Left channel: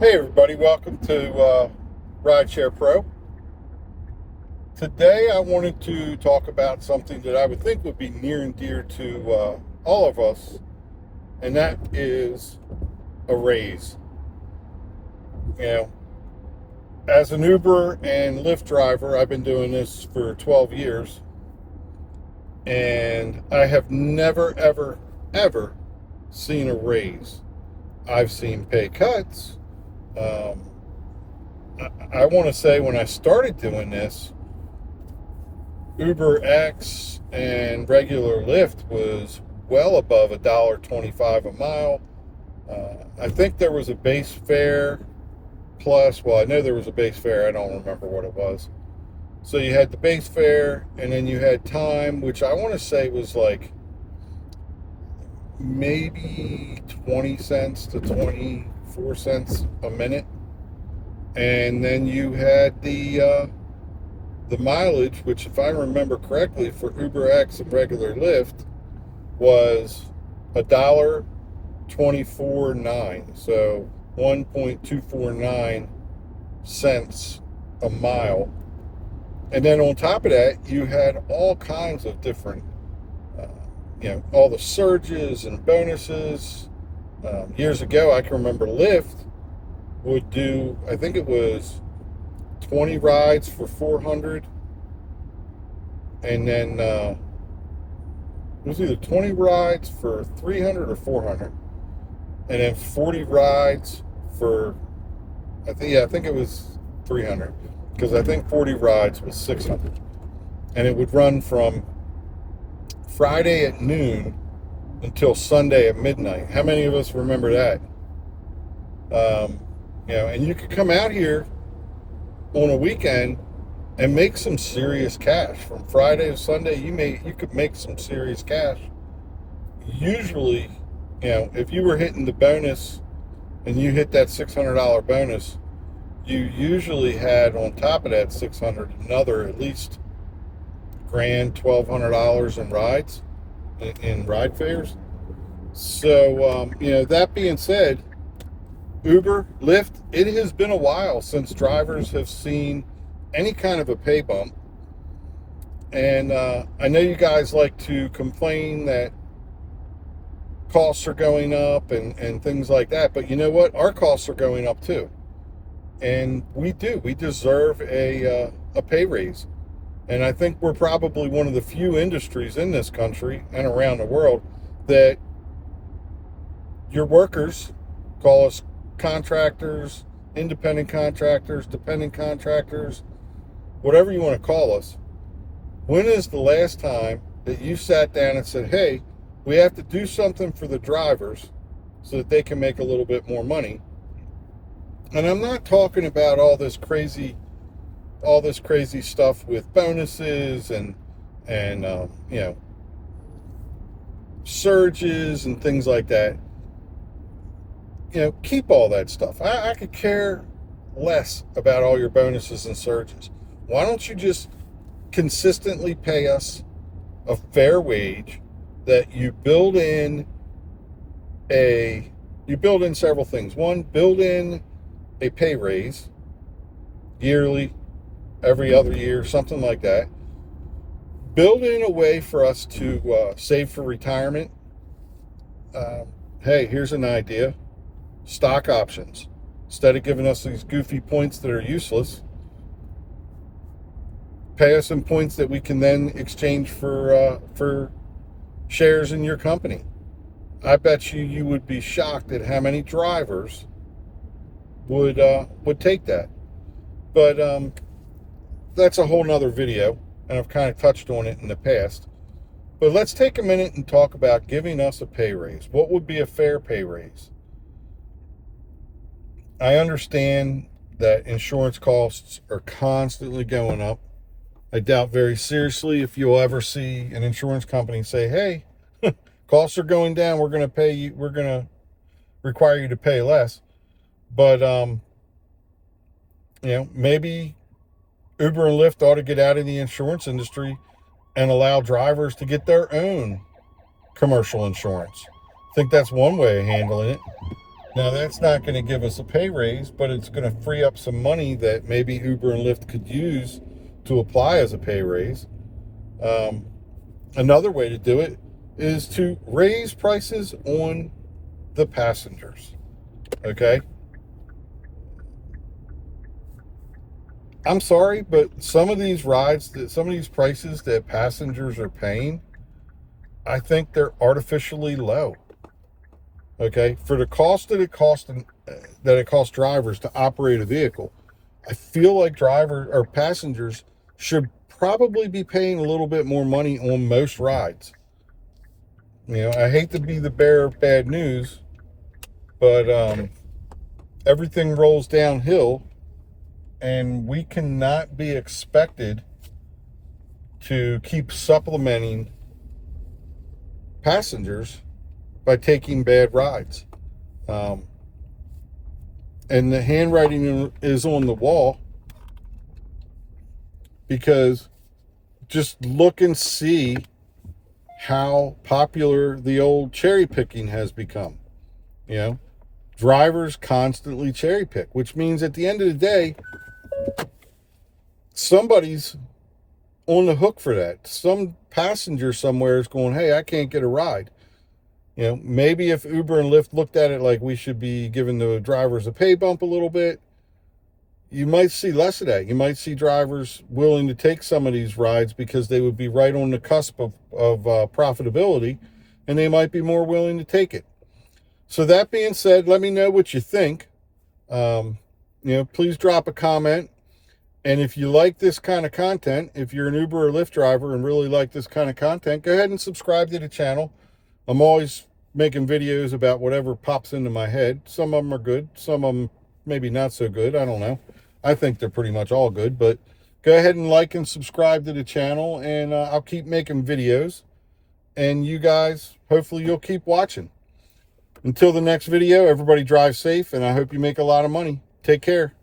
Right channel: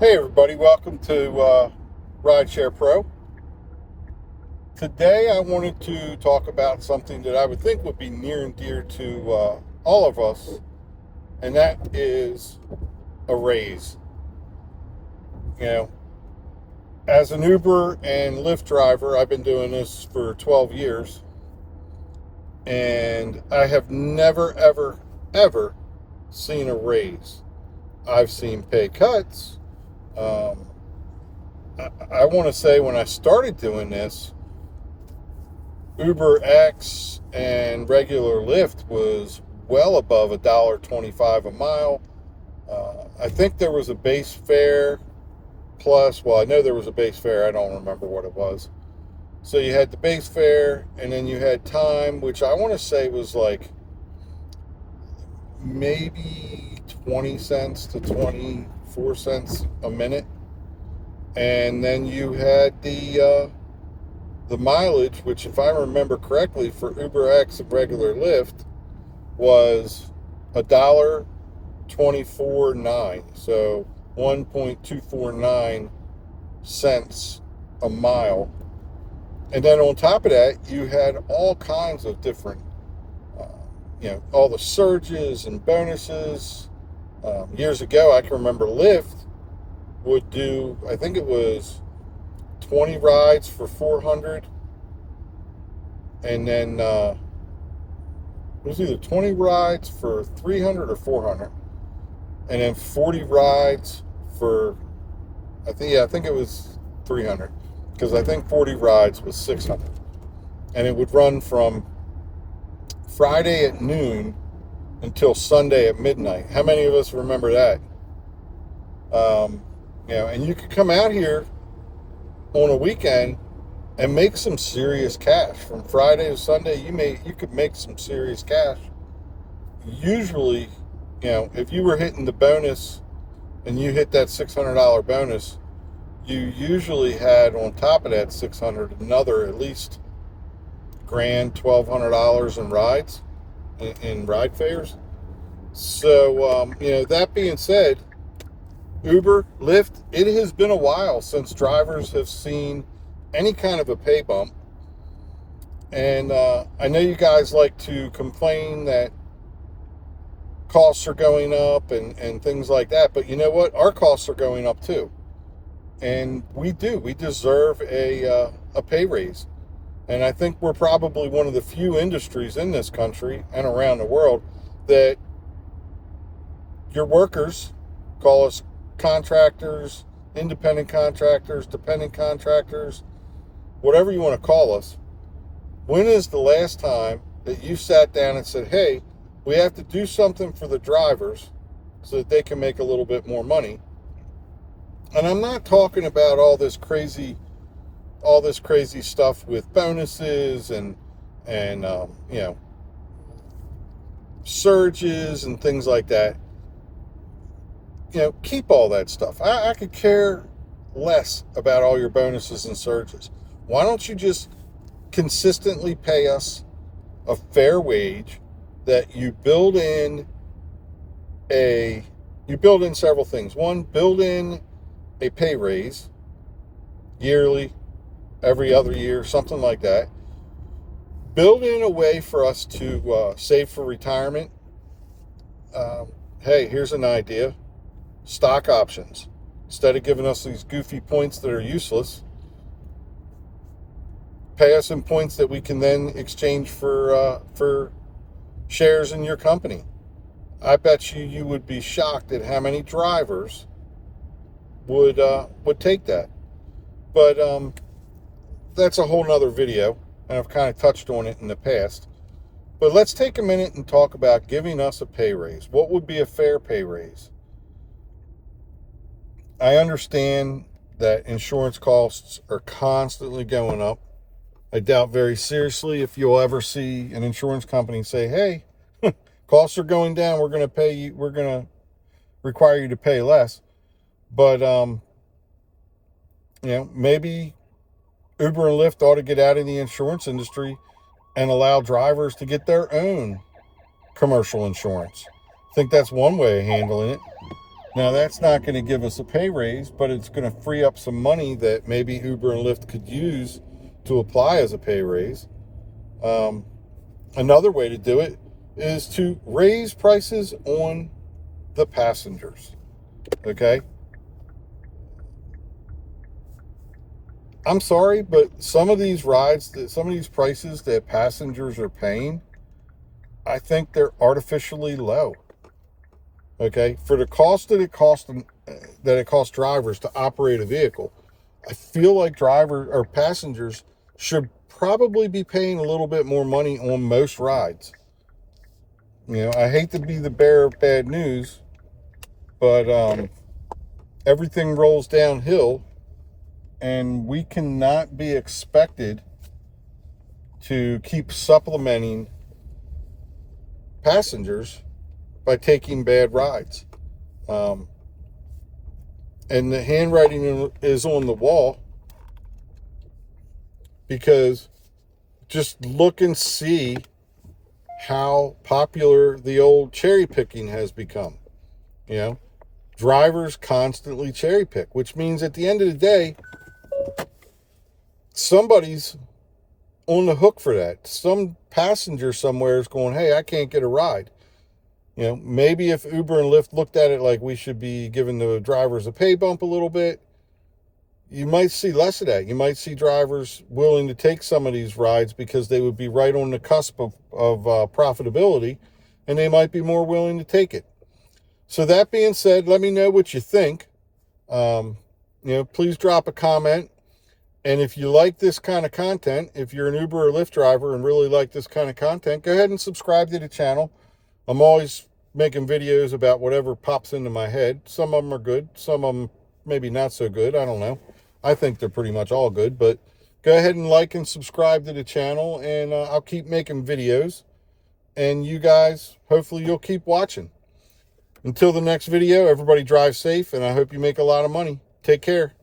Hey everybody, welcome to Rideshare Pro. Today I wanted to talk about something that I would think would be near and dear to all of us, and that is a raise. You know, as an Uber and Lyft driver, I've been doing this for 12 years, and I have never, ever, ever seen a raise. I've seen pay cuts. Um, I want to say when I started doing this, Uber X and regular Lyft was well above $1.25 a mile. I think there was a base fare plus, well, I know there was a base fare. I don't remember what it was. So you had the base fare, and then you had time, which I want to say was like maybe 20 cents to 24 cents a minute. And then you had the mileage, which, if I remember correctly, for Uber X and regular Lyft was $1.249, so 1.249 cents a mile. And then on top of that, you had all kinds of different, uh, all the surges and bonuses. Years ago, I can remember Lyft would do, I think it was 20 rides for 400, and then it was either 20 rides for 300 or 400, and then 40 rides for, I think it was 300, because I think 40 rides was 600, and it would run from Friday at noon until Sunday at midnight. How many of us remember that? And you could come out here on a weekend and make some serious cash from Friday to Sunday. You could make some serious cash. Usually, if you were hitting the bonus and you hit that $600 bonus, you usually had on top of that 600 another at least grand, $1,200 in rides, in ride fares. So that being said, Uber, Lyft, it has been a while since drivers have seen any kind of a pay bump. And I know you guys like to complain that costs are going up and things like that, but you know what? Our costs are going up too. And we do. We deserve a pay raise. And I think we're probably one of the few industries in this country and around the world that your workers, call us contractors, independent contractors, dependent contractors, whatever you want to call us. When is the last time that you sat down and said, hey, we have to do something for the drivers so that they can make a little bit more money? And I'm not talking about all this crazy stuff with bonuses and surges and things like that. Keep all that stuff. I could care less about all your bonuses and surges. Why don't you just consistently pay us a fair wage that you build in several things. One, build in a pay raise yearly, every other year, something like that. Build in a way for us to save for retirement. Hey, here's an idea. Stock options. Instead of giving us these goofy points that are useless, pay us in points that we can then exchange for shares in your company. I bet you would be shocked at how many drivers would take that. But that's a whole nother video, and I've kind of touched on it in the past. But let's take a minute and talk about giving us a pay raise. What would be a fair pay raise? I understand that insurance costs are constantly going up. I doubt very seriously if you'll ever see an insurance company say, hey, costs are going down, we're going to require you to pay less. But maybe Uber and Lyft ought to get out of the insurance industry and allow drivers to get their own commercial insurance. I think that's one way of handling it. Now, that's not going to give us a pay raise, but it's going to free up some money that maybe Uber and Lyft could use to apply as a pay raise. Another way to do it is to raise prices on the passengers. Okay? I'm sorry, but some of these some of these prices that passengers are paying, I think they're artificially low. Okay? For the cost that it costs drivers to operate a vehicle, I feel like drivers or passengers should probably be paying a little bit more money on most rides. I hate to be the bearer of bad news, but everything rolls downhill, and we cannot be expected to keep supplementing passengers by taking bad rides. And the handwriting is on the wall, because just look and see how popular the old cherry picking has become. Drivers constantly cherry pick, which means at the end of the day, somebody's on the hook for that. Some passenger somewhere is going, hey, I can't get a ride. Maybe if Uber and Lyft looked at it like we should be giving the drivers a pay bump a little bit, you might see less of that. You might see drivers willing to take some of these rides because they would be right on the cusp of profitability, and they might be more willing to take it. So that being said, let me know what you think. Please drop a comment. And if you like this kind of content, if you're an Uber or Lyft driver and really like this kind of content, go ahead and subscribe to the channel. I'm always making videos about whatever pops into my head. Some of them are good. Some of them maybe not so good. I don't know. I think they're pretty much all good. But go ahead and like and subscribe to the channel, and I'll keep making videos. And you guys, hopefully you'll keep watching. Until the next video, everybody drive safe, and I hope you make a lot of money. Take care.